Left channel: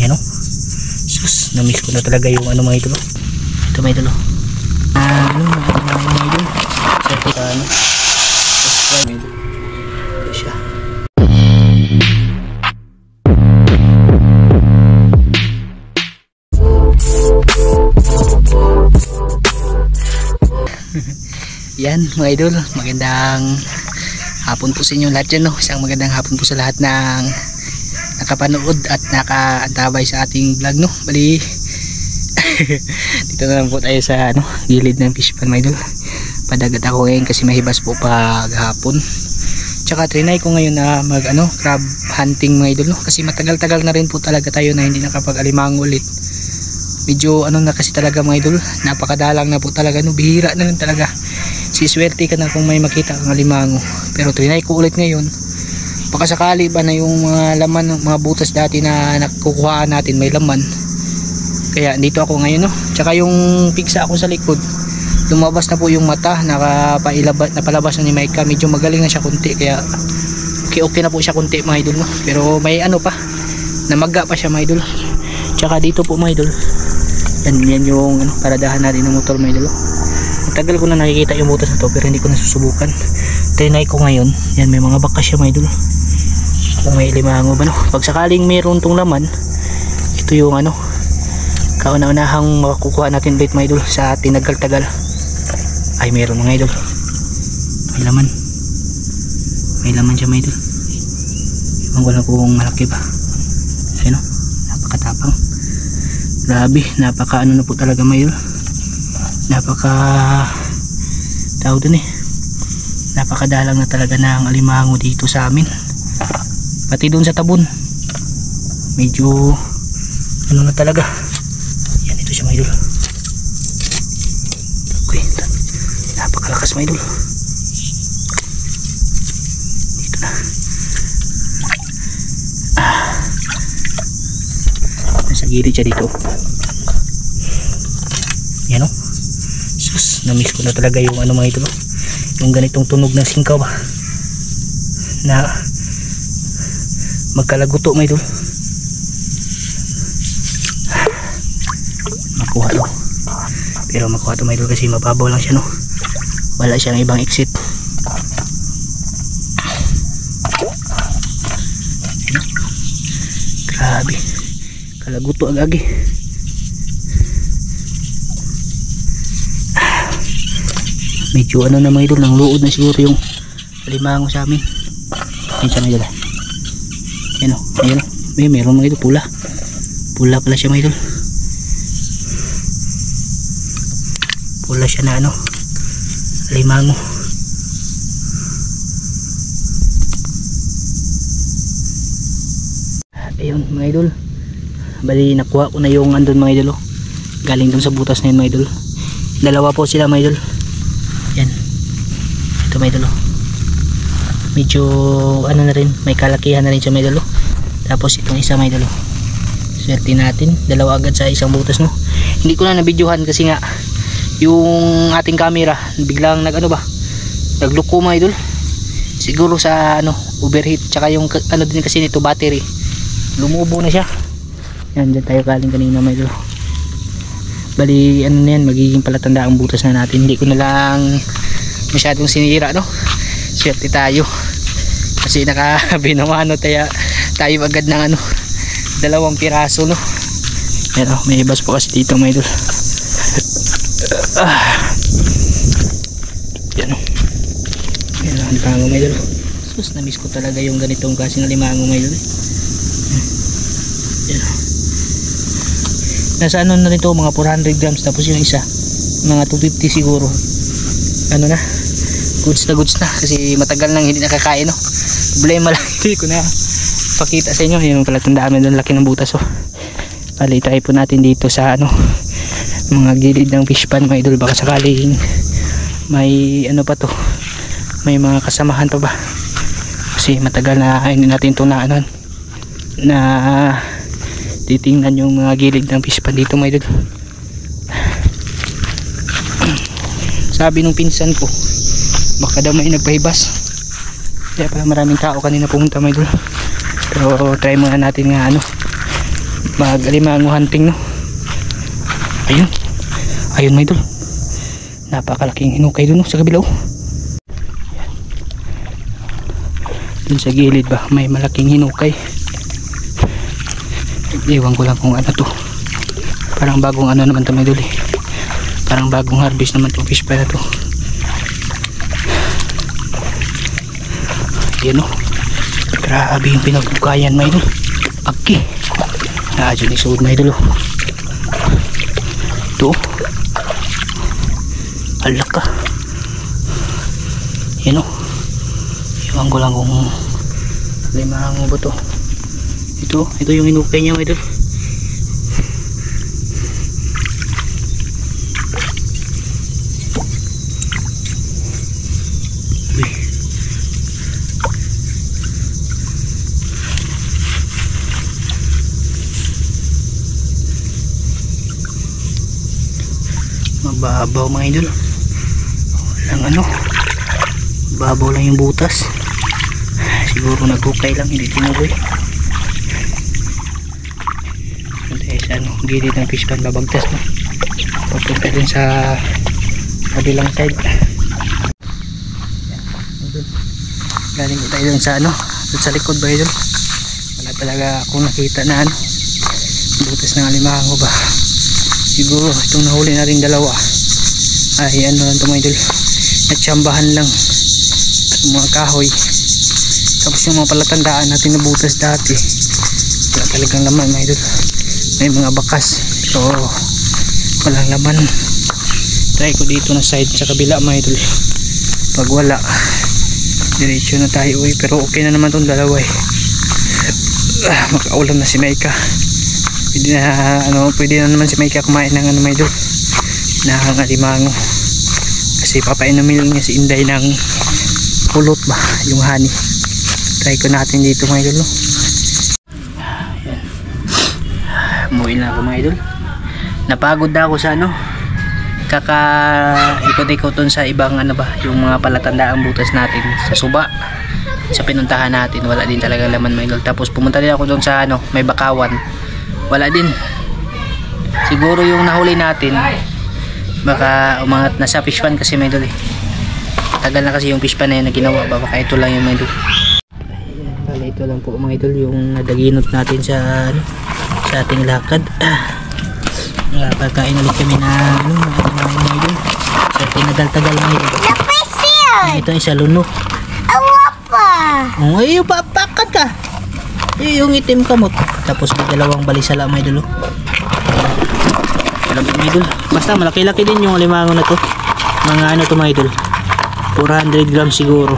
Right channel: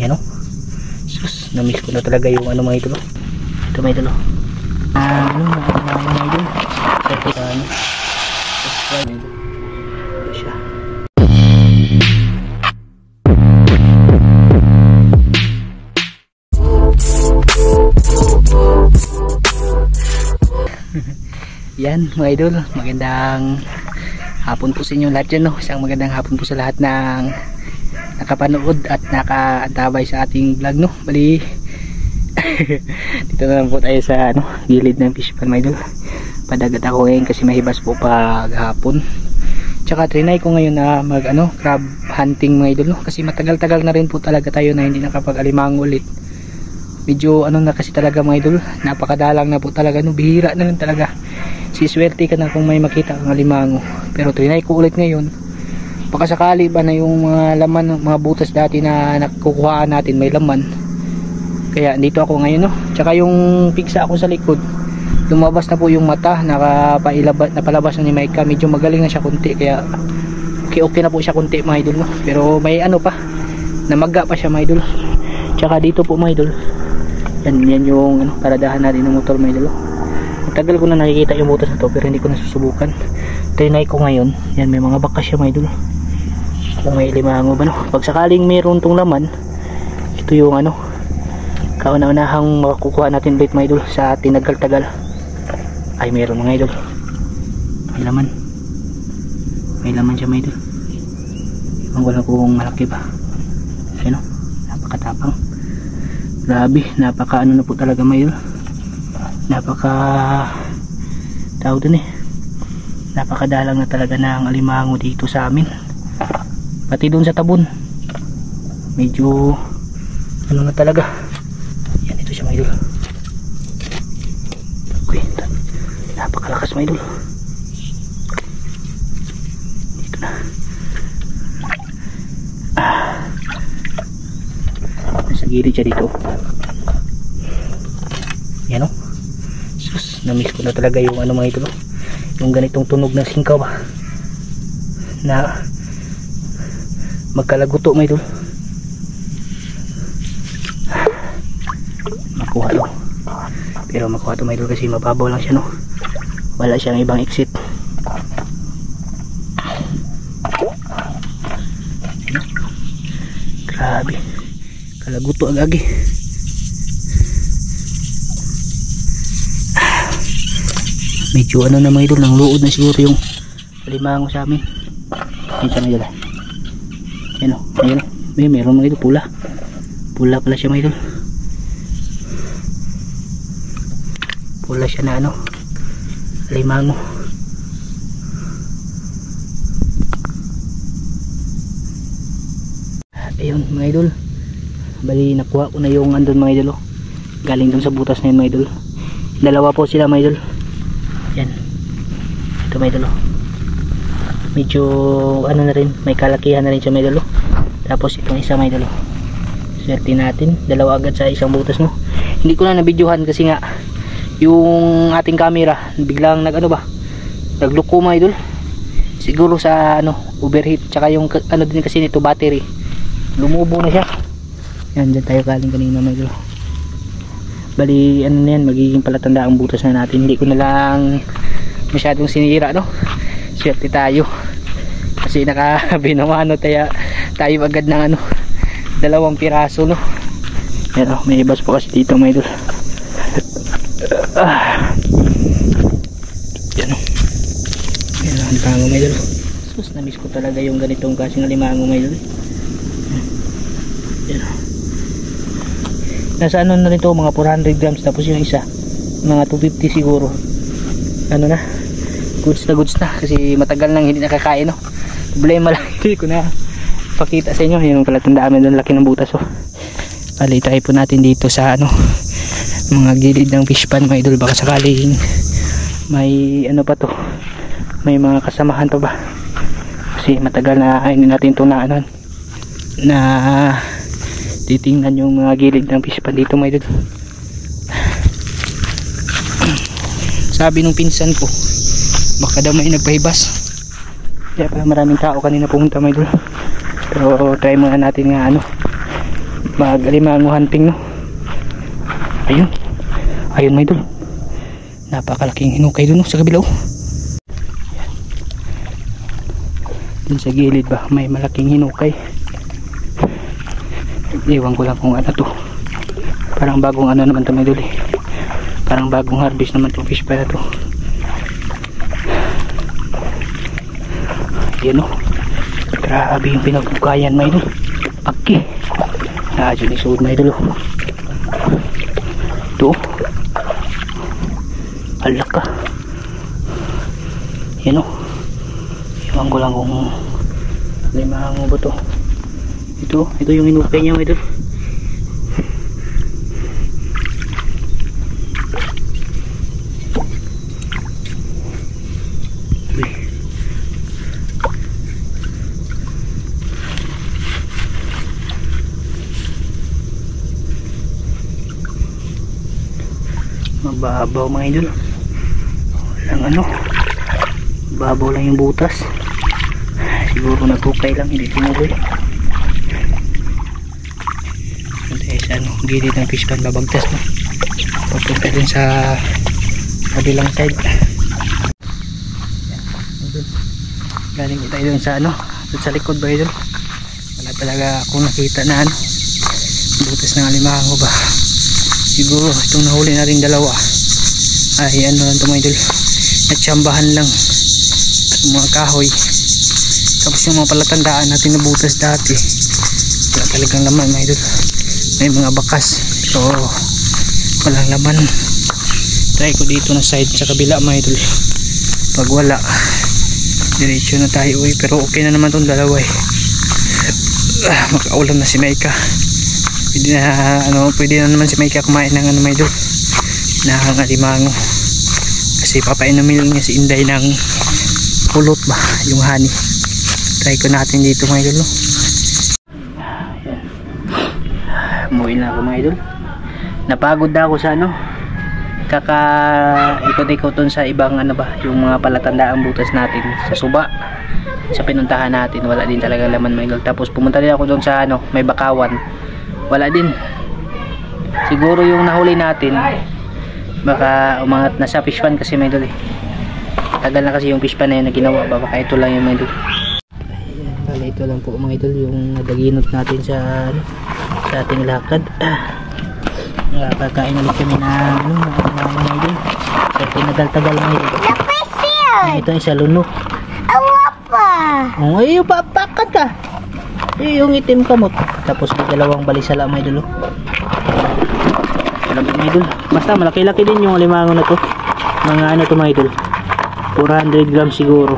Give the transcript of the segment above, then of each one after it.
Yan o. Sus, na-miss ko na talaga yung ano mga idol. Ito mga idol. Mga idol. Sa ito ka ano. Subscribe idol. Ito siya. Yan mga idol, magandang hapon po sa inyo lahat dyan, no? Isang magandang hapon po sa lahat ng nakapanood at nakaantabay sa ating vlog, no? Bali dito na lang po tayo sa ano, gilid ng fish pan mga idol. Padagat ako ngayon kasi mahibas po pag hapon. Tsaka trinay ko ngayon na mag ano, crab hunting mga idol, no? Kasi matagal-tagal na rin po talaga tayo na hindi nakapag-alimango ulit. Medyo ano na kasi talaga mga idol, napakadalang na po talaga, no? Bihira na lang talaga. Siswerte ka na kung may makita kang alimango. Pero trinay ko ulit ngayon. Baka sakali ba na yung mga laman, mga butas dati na nakukuhaan natin may laman. Kaya dito ako ngayon, no? Tsaka yung pigsa ako sa likod, lumabas na po yung mata, napalabas na ni Micah. Medyo magaling na siya kunti, kaya okay na po siya kunti mga idol, no? Pero may ano pa, namaga pa siya mga idol. Tsaka dito po mga idol, yan yung ano, paradahan natin ng motor mga idol. Tagal ko na nakikita yung butas na to pero hindi ko nasusubukan. Trinay ko ngayon. Yan, may mga bakas siya mga idol. Kung may limango ba, no? Pag sakaling mayroon tong laman, ito yung ano, kauna-unahang makakukuha natin ulit mga idol sa tinagal-tagal. Ay, mayroon mga idol. May laman. May laman siya mga idol. Ewan ko lang kung malaki ba. Ano? Napakatapang. Grabe, napaka ano na po talaga mga idol. Napaka tawag dun napakadalang na talaga ng alimango dito sa amin, pati dun sa tabon medyo ano na talaga. Yan, ito siya mga idol. Okay, napakalakas mga idol. Dito na nasa gilid siya dito. Yan o. Sus, na-miss ko na talaga yung ano mga idol, yung ganitong tunog ng singkaw ba na magkalaguto mga idol. Makuha to, pero makuha to mga idol kasi mababaw lang siya, no? Wala siyang ibang exit. Grabe, kalaguto agagi. Medyo ano na mga idol, nang luod na siguro yung alimango sa amin. Yan siya mga idol. Yan o, ayun o. Meron mga idol, pula. Pula pala siya mga idol. Pula siya na ano, alimango. Ayun mga idol. Bali nakuha ko na yung andun mga idol, galing dun sa butas na yun mga idol. Dalawa po sila mga idol. Yan, ito may idol. Medyo ano na rin, may kalakihan na rin siya may idol. Tapos itong isa may idol, swerte natin, dalawa agad sa isang butas, no? Hindi ko na nabidyohan kasi nga yung ating camera biglang nag ano ba, nagluko mga idol. Siguro sa ano, overheat. Tsaka yung ano din kasi nito, battery, lumubo na siya. Yan, dyan tayo galing kanina mga idol. Bali ano na yan, magiging palatanda ang butas na natin. Hindi ko na lang masyadong sinira, no? Swerte tayo kasi nakabinamano tayo agad ng ano, 2 piraso, no? Pero may ibas po kasi dito mga idol. Yan o. Yan ang limango mga idol. Sus, na-miss ko talaga yung ganitong klaseng limango mga idol. Yan o. Nasa ano na rin to, mga 400 grams. Tapos yung isa mga 250 siguro. Ano na, goods na kasi matagal nang hindi nakakain, no? Problema lang hindi ko na pakita sa inyo yung palatandaan doon, laki ng butas. Bali try po natin dito sa ano, mga gilid ng fish pan mga idol. Baka sakaling may ano pa to, may mga kasamahan pa ba, kasi matagal na hindi natin ito na ano, na titingnan yung mga gilid ng fish pan dito mga idol. Sabi nung pinsan ko baka daw may nagpahibas, kaya pa maraming tao kanina pumunta mga idol. Pero try muna natin nga ano, mag-alimango hunting, no. Ayun, ayun mga idol, napakalaking hinukay dun, no, sa kabila, oh. Dun sa gilid ba may malaking hinukay. Iwan ko lang kung ano to, parang bagong ano naman to mga idol, parang bagong harvest naman tong fish pa na to. Yan, oh, grabe yung pinagbukayan mga idol. Aki dyan isuod mga idol, oh. Ito, alak ka. Yan, oh, iwan ko lang kung limango ba to. Ito yung hinukay niya mga idol. Mababaw mga idol, walang ano, babaw lang yung butas, siguro naghukay lang, hindi tumuloy. Dahil sa ano, gilid ng fish pan babagtas, no, papunta din sa kabilang side. Galing ko tayo dun sa ano, dun sa likod ba idol, wala talaga akong nakita na ano, butas ng alimango ba. Siguro itong nahuli na rin dalawa ay ano lang ito mga idol, natsambahan lang yung mga kahoy, tapos yung mga palatandaan natin na butas dati wala talagang laman mga idol, may mga bakas, so walang laman. Try ko dito na side sa kabila mga idol, pag wala diretso na tayo, pero okay na naman itong dalawa, makaulam na si Maika. Pwede na, ano, pwede na naman si Maika kumain ng ano mga idol, ng alimango, kasi papainumin niya si Inday ng pulot ba, yung honey. Try ko natin dito mga idol, no? Umuwi na ako mga idol, napagod na ako sa ano, ikot-ikot dun sa ibang ano ba, yung mga palatandaang butas natin sa suba, sa pinuntahan natin, wala din talaga laman mga idol. Tapos pumunta din ako dun sa ano, may bakawan, wala din. Siguro yung nahuli natin baka umangat na sa fish pan kasi may idol, tagal na kasi yung fish pan na yun na ginawa ba, baka ito lang yung may idol. Bale ito lang po mga idol yung nadaginot natin sa ano, sa ating lakad. Pagkain ulit kami na ano, mga idol, sa tinagal-tagal mga idol. Ito isa lunok. Oh, ay papakat ka. Yung itim kamot. Tapos may dalawang balisala mga idol. Alam mga idol, basta malaki-laki din yung alimango na to. Mga ano to mga idol, 400 grams siguro.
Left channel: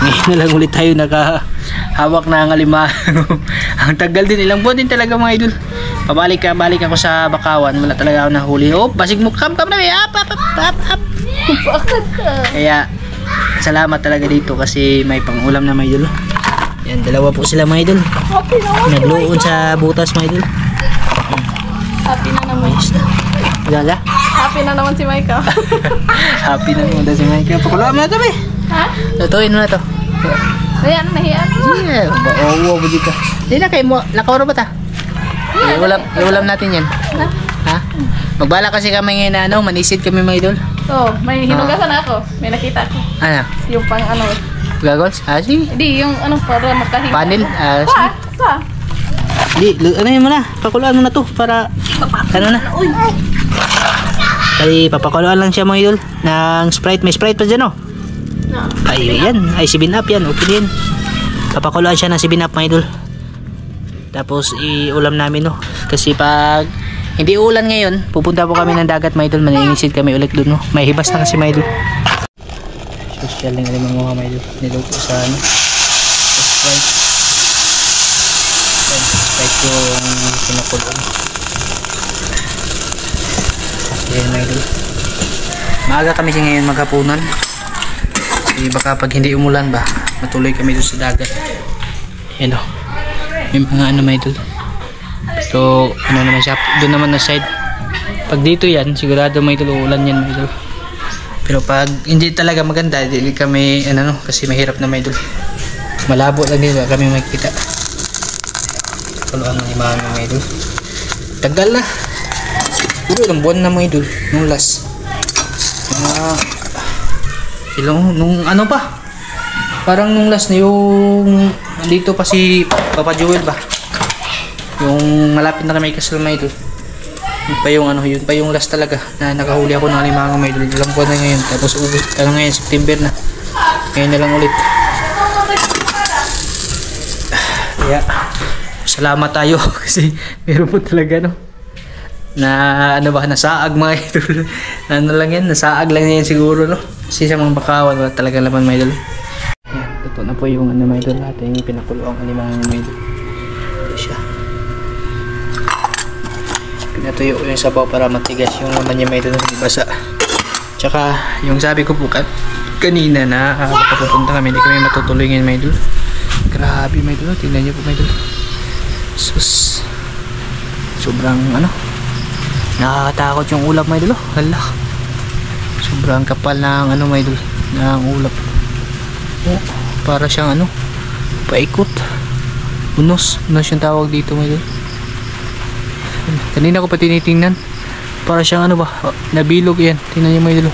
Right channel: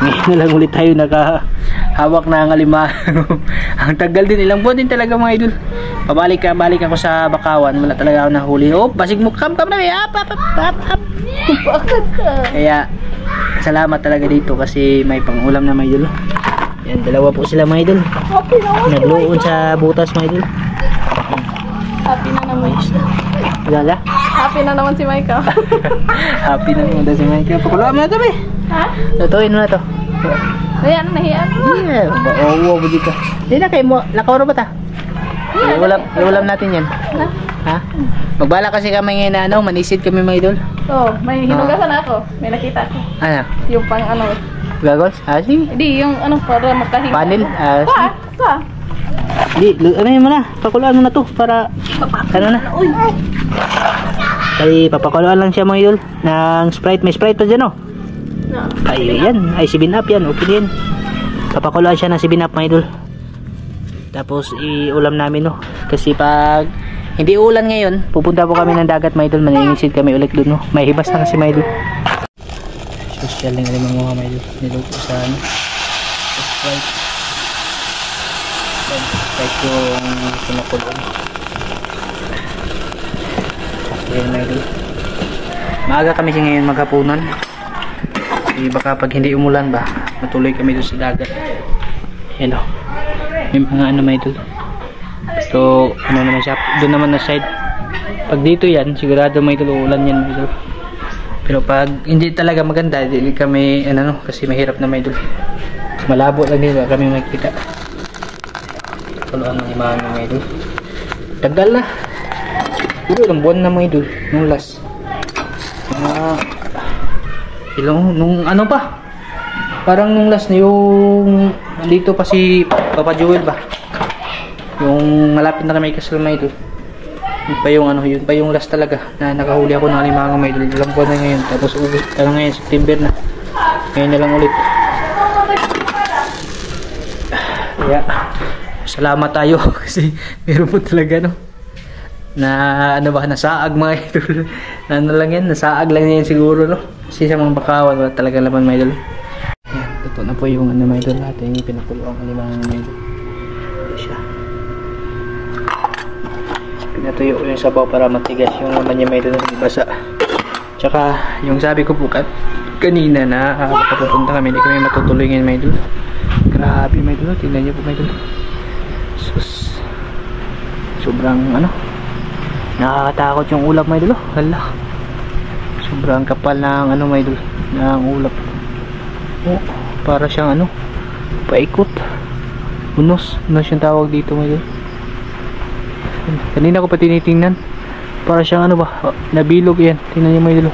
Ngayon na lang ulit tayo nakahawak na ang alimango. Ang tagal din, ilang buwan din talaga mga idol. Balik ako sa bakawan, wala talaga ako nahuli. Oh, basig mo kam na may up. Kaya salamat talaga dito kasi may pangulam na mga idol. Yan, dalawa po sila mga idol. Nagluon sa butas mga idol. Happy na naman. Gala? Happy na naman si Maika. Happy na naman si Maika. Pakuluan mo na ito ba? Ha? Lutuin mo na ito. Ayan, nahiyan mo. Oo, buti ka. Hindi na kayo mo. Lakaw ba ta? Ulam natin yan. Ha? Magbala kasi kami ngayon na ano, manisid kami mga idol. So, may hinugasan ako. May nakita ako. Ano? Yung pang ano. Gagols? Sige. Hindi, yung ano para makahinga. Panel? Pa. Hindi, ano yun mo na. Pakuluan mo na to para ano na. Kaya papakuluan lang siya mga idol ng Sprite. May Sprite pa dyan, oh. No. Ay, yan. Ay, 7up yan. Okay din. Papakuluan siya ng 7up mga idol. Tapos iulam namin, no. Kasi pag hindi ulan ngayon, pupunta po kami ng dagat mga idol. Maninisid kami ulit doon, no. May hibas na kasi mga idol. Social lang alam mga mga idol. Niluto sa ano, sa Sprite. Sprite yung kinakulong. Okay mga idol. Maaga kami siya ngayon maghapunan. Kasi baka pag hindi umulan ba, matuloy kami doon sa dagat. Yan, o. May mga ano mga idol. So ano naman siya, doon naman na side. Pag dito yan, sigurado mga idol uulan yan mga idol. Pero pag hindi talaga maganda, hindi kami ano, no, kasi mahirap na mga idol. Malabo lang din kami makikita. pinakuluan ng limango mga idol. Tagal na. Siguro ilang buwan na mga idol. Nung last. Nung ano pa? Parang nung last na yung dito pa si Papa Joel ba? Yung malapit na kami kasal mga idol. Yun pa yung last talaga na nakahuli ako ng limango mga idol. Ilang buwan na ngayon. Tapos ngayon September na. Ngayon na lang ulit. Yeah. Salamat tayo kasi meron po talaga no na ano ba nasaag mga idol. Ano lang yan, nasaag lang yan siguro no kasi sa mga bakawan wala talaga laman mga idol. Yan, totoo na po yung ano mga idol natin yung pinakuluan ng limango mga idol. Ito siya, pinatuyo ko yung sabaw para matigas yung laman niya mga idol, hindi basa. Tsaka yung sabi ko po kanina na baka pupunta kami, hindi kami matutuloy ngayon mga idol. Grabe mga idol, tingnan nyo po mga idol. Sus, sobrang ano, nakakatakot yung ulap mga idol. Hala, sobrang kapal ng ano mga idol, ng ulap. Oh, para siyang ano, paikot. Unos yung tawag dito mga idol. Kanina ko pa tinitingnan, para siyang ano ba, nabilog yan. Tingnan nyo mga idol.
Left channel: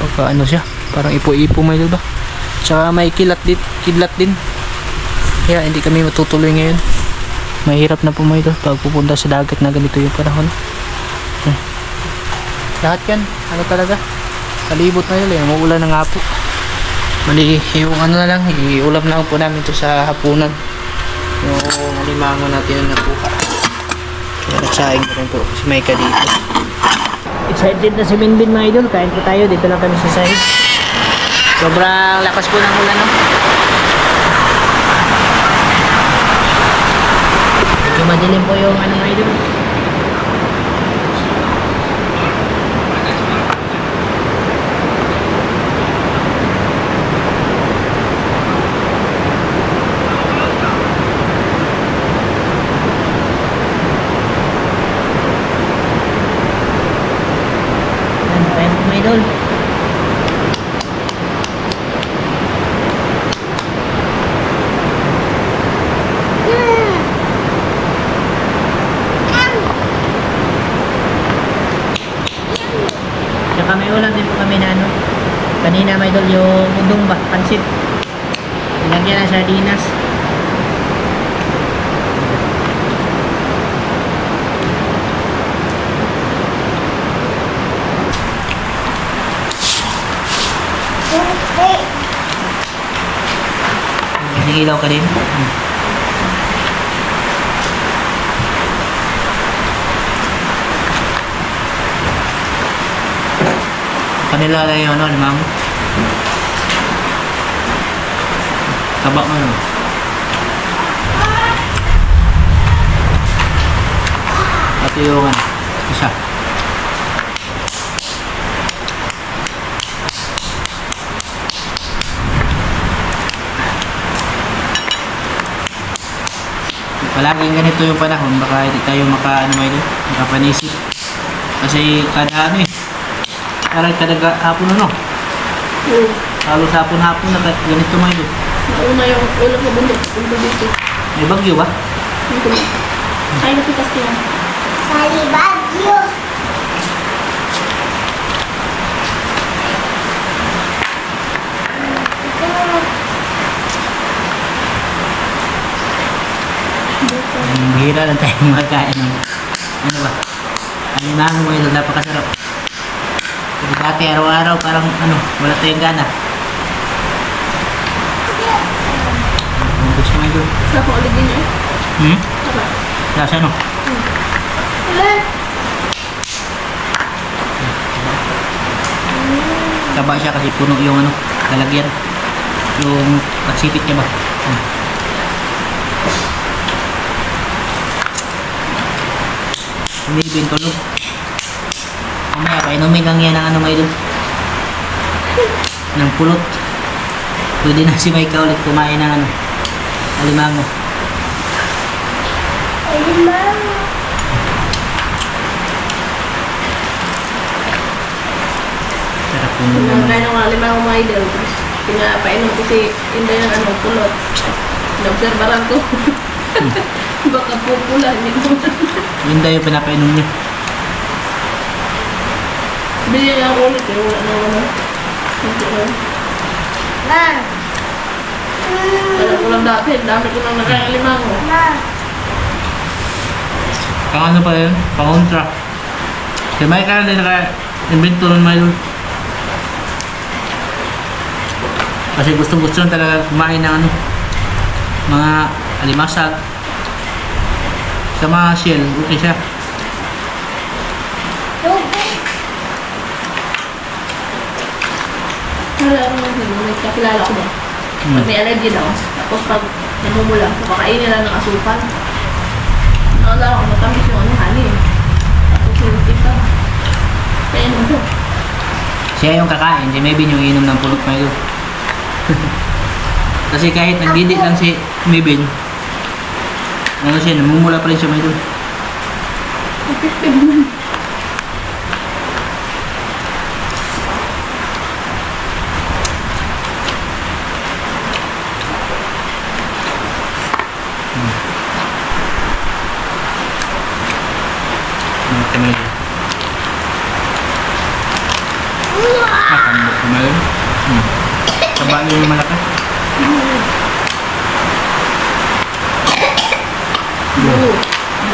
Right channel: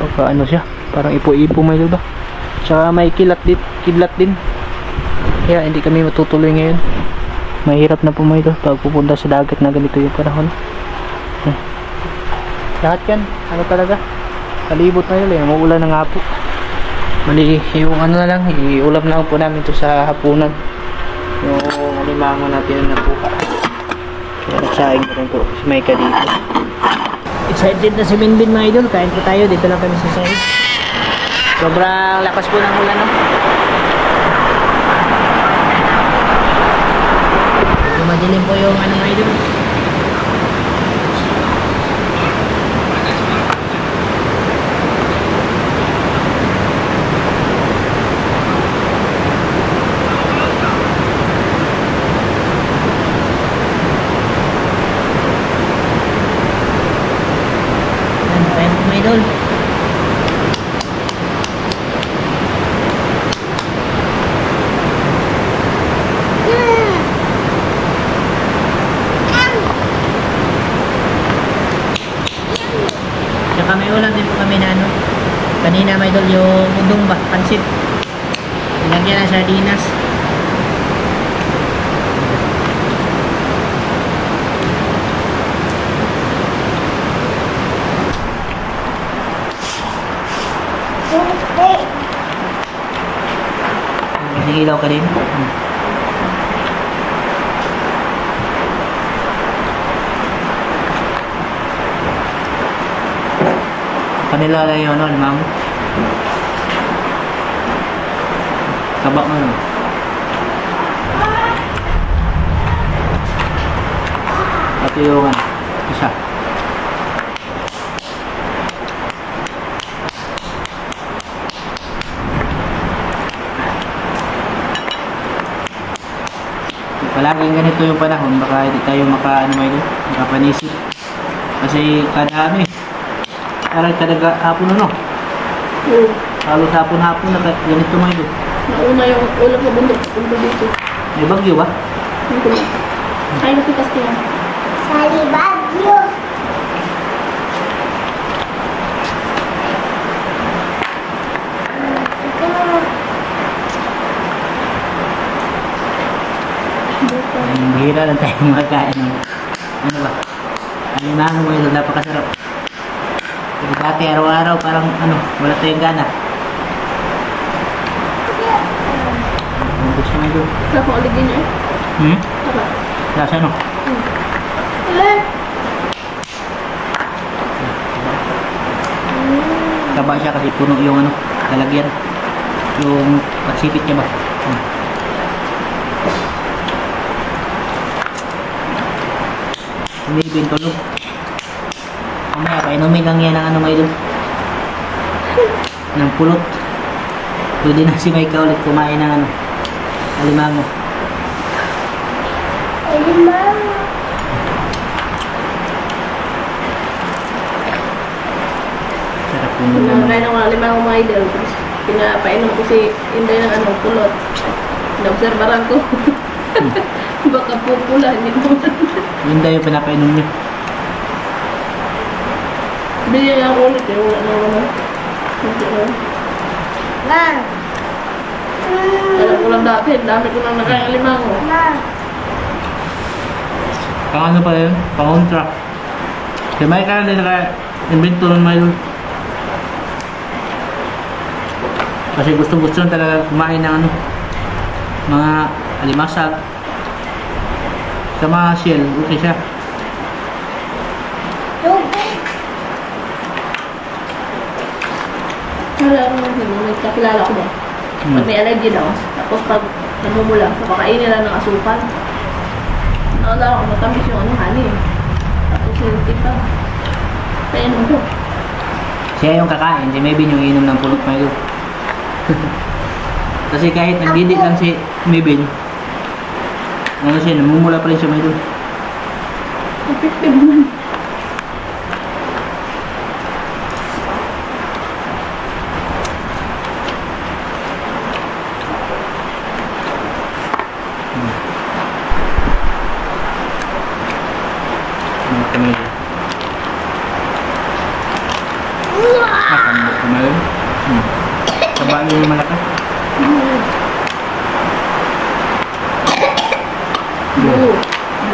Baka ano siya, parang ipo-ipo mga idol ba. Tsaka may kidlat din. Kaya hindi kami matutuloy ngayon. Mahirap na po mga idol pag pupunta sa dagat na ganito yung panahon. Lahat yan, ano talaga, kalibot na yun, umuulan na nga po. Mali, yung ano na lang, iulam lang po namin to sa hapunan. Yung limango natin na napuka. Kaya nagsaing na rin po si Maika dito. Excited na si Binbin mga idol, kain po tayo, dito lang kami sa side. Sobrang lakas po ng ulan no. Madilim po yung ano mga idol. Ayan po mga idol. May ulam din po kami na ano kanina may idol, yung udong ba, pansit, nilagyan ng sardinas. Nasigilaw ka din. Kanila lang yung ano, limango. Taba mo no. At yung ano, isa. Palaging ganito yung panahon, baka hindi tayo makapanisip. Kasi kada ano parang kada hapon ano. Halos hapon-hapon na ganito mga idol. Nauna yung ulam na bundok dito. May bagyo ba? Dito. Ay, napitas ko yan. Sali bagyo. Bihira lang tayong magkain ng ano ba? Alimango mga idol, napakasarap. Kasi dati araw-araw parang ano, wala tayong gana. Gusto mo idol? Sarap mo ulit din yun. Sarap. Lasa no? Taba siya kasi puno yung ano, lalagyan. Yung pagsipit niya ba? Hindi bintulog. Mamaya, painumin lang yan ng ano mga idol. Ng pulot. Pwede na si Maika ulit kumain ng ano, alimango. Alimango. Sarap po muna. Kaya nung alimango mga idol. Pinapainom ko si Inday ng ano, pulot. Naobserbaran ko. Baka pupula, hindi mo. Yun daw yung pinapainom niya. Bili niya ako ulit eh. Wala na wala. Hindi na. Ma. Alam ko lang dati. Dami ko nang nakain limango. Ma. Pang ano pa yun? Pang kontra. Si Michael din naka-invento ng Milo. Kasi gusto talaga kumain ng ano, mga alimasag. Sa mga shell, okay siya. Tubig. Alam mo, may kakilala ko ba? Pag may allergy daw, tapos pag namumula, kapakain nila ng asukal. Nakala ko matamis yung ano, honey. Tapos yung tipa. Kaya naman ko. Siya yung kakain, si Mebin yung inom ng pulot Milo. Kasi kahit nagdidit lang si Mebin, ano siya, namumula pa rin siya Milo. Effective naman. Milo. Makan Milo. Taba yung malaki.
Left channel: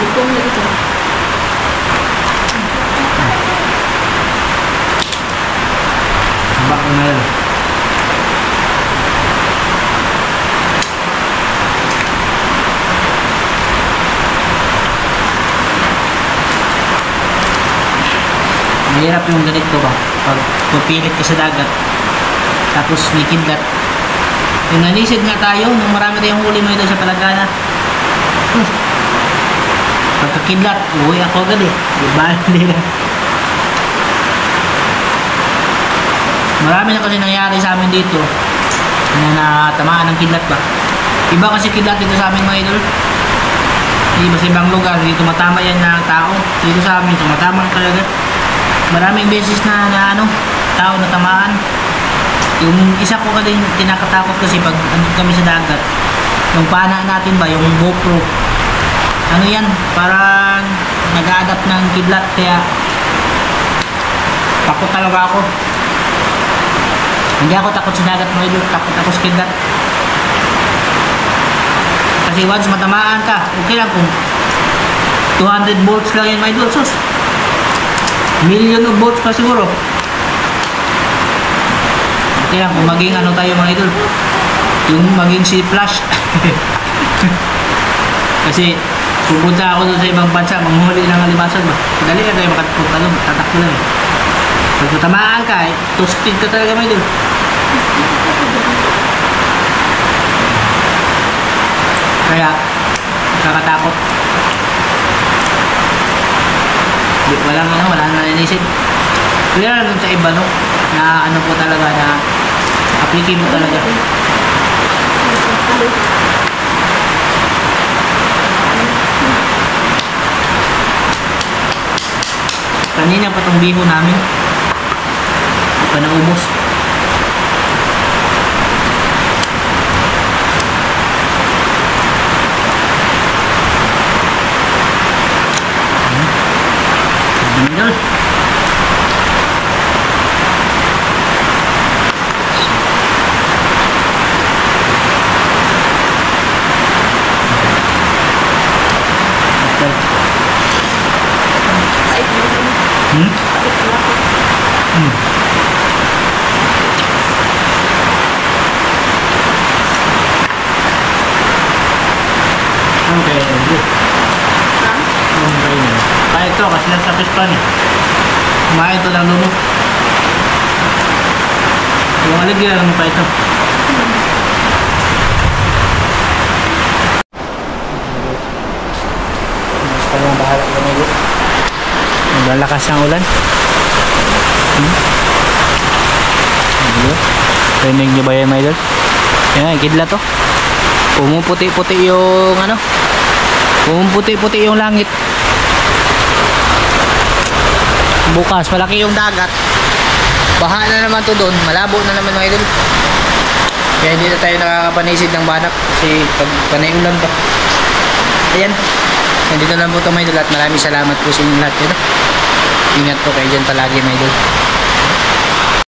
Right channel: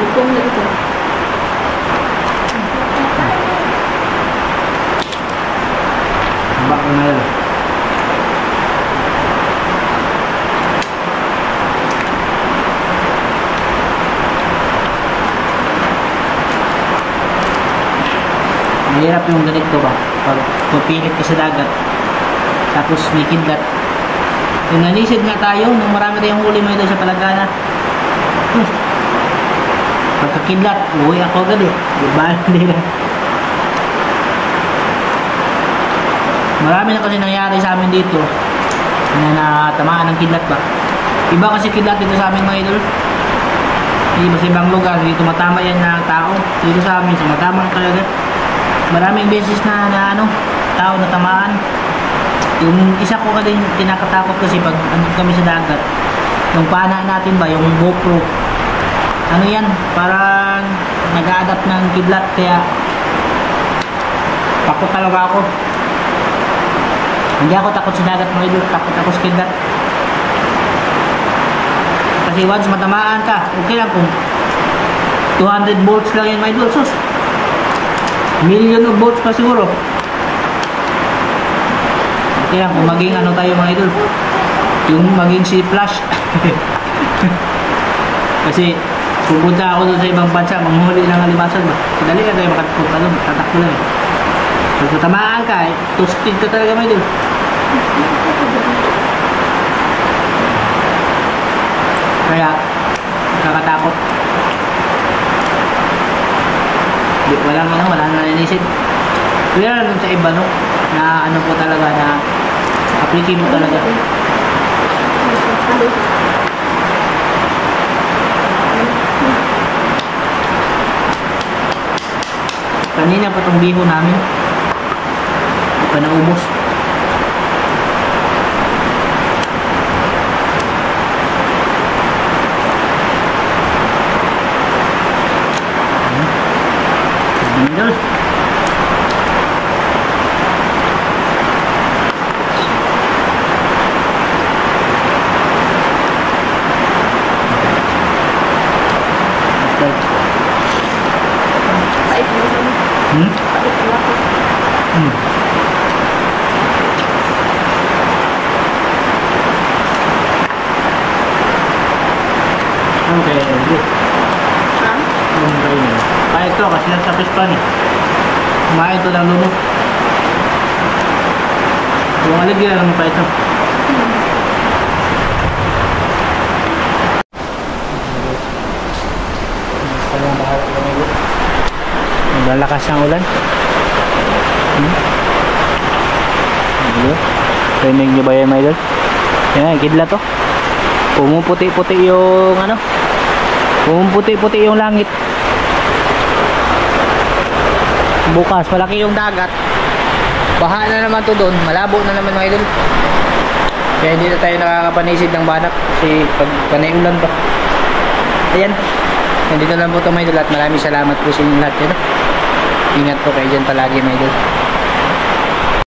Bukong na ito. Taba yung Milo. Mahirap yung ganito ba? Pag pupilit ka sa dagat, tapos may kidlat. Yung nanisid nga tayo, nung marami tayong huli mo ito sa Palagana. Pagkakidlat, uwi ako agad eh. Diba? Marami na kasi nangyari sa amin dito na natamaan ng kidlat ba. Iba kasi kidlat dito sa amin mga idol. Iba sa ibang lugar, dito tumatama yan ng tao. Dito sa amin, tumatama talaga. Maraming beses na ano, tao na tamaan. Yung isa ko ka din kinakatakot kasi pag andun kami sa dagat, yung pana natin ba, yung GoPro, ano yan, parang nag-a-adapt ng kidlat, kaya takot talaga ako. Hindi ako takot sa dagat mga idol, takot ako sa kidlat. Kasi once matamaan ka, okay lang kung 200 volts lang yan mga idol, sus, million of volts pa siguro. Okay lang kung maging ano tayo mga idol, yung maging si Flash. Kasi pupunta ako doon sa ibang bansa, manghuli ng alimasag ba, dali na tayo makapunta doon, tatakbo lang eh. Pag matamaan ka, toasted ka talaga mga idol. Kaya nakakatakot. Wala nang nanisip. Kaya lang sa iba no, na ano po talaga, na applicate mo talaga. Kanina pa tong biho namin, hindi pa naubos. Idol. Pait mo naman. Pait mo ako. Okay, good. Ha? Okay na. Kaya ito kasi nasa pispan eh. Kumain ito ng lumot. Yung aligyan lang pa ito. Naglalakas ng ulan. Rinig nyo ba yan mga idol? Yan, kidlat to. Pumuputi-puti yung ano, pumuputi-puti yung langit. Bukas malaki yung dagat, baha na naman to doon, malabo na naman mga idol. Kaya hindi na tayo nakakapanisid ng banak kasi pag panay ulan ba. Ayan. Nandito lang po ito mga idol at maraming salamat po sa inyo lahat. Yun, ingat po kayo dyan palagi mga idol.